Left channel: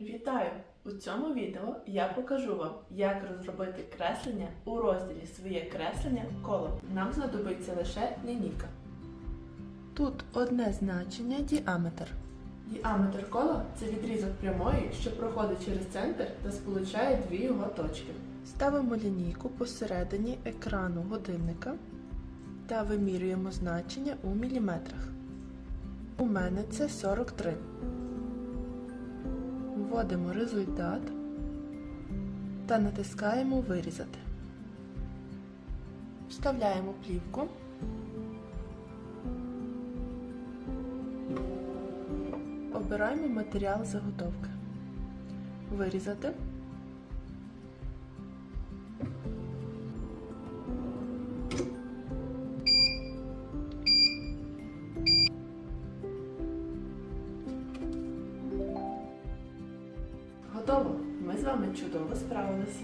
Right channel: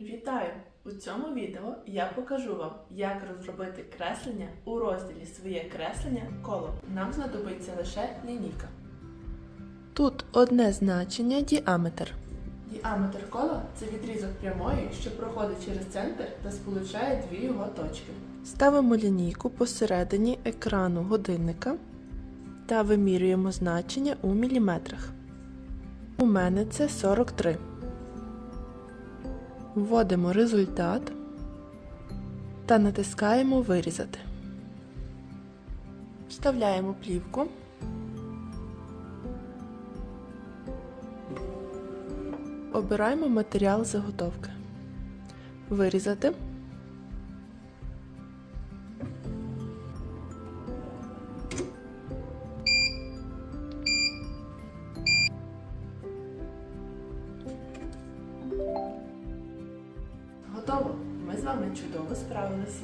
Вітаю! У цьому відео я покажу вам, як розробити креслення у розділі Своє креслення коло. Нам знадобиться лише лінійка. Тут одне значення діаметр. Діаметр кола це відрізок прямої, що проходить через центр та сполучає дві його точки. Ставимо лінійку посередині екрану годинника та вимірюємо значення у міліметрах. У мене це 43. Вводимо результат та натискаємо Вирізати. Вставляємо плівку. Обираємо матеріал заготовки. Вирізати. Готово! Ми з вами чудово справилися.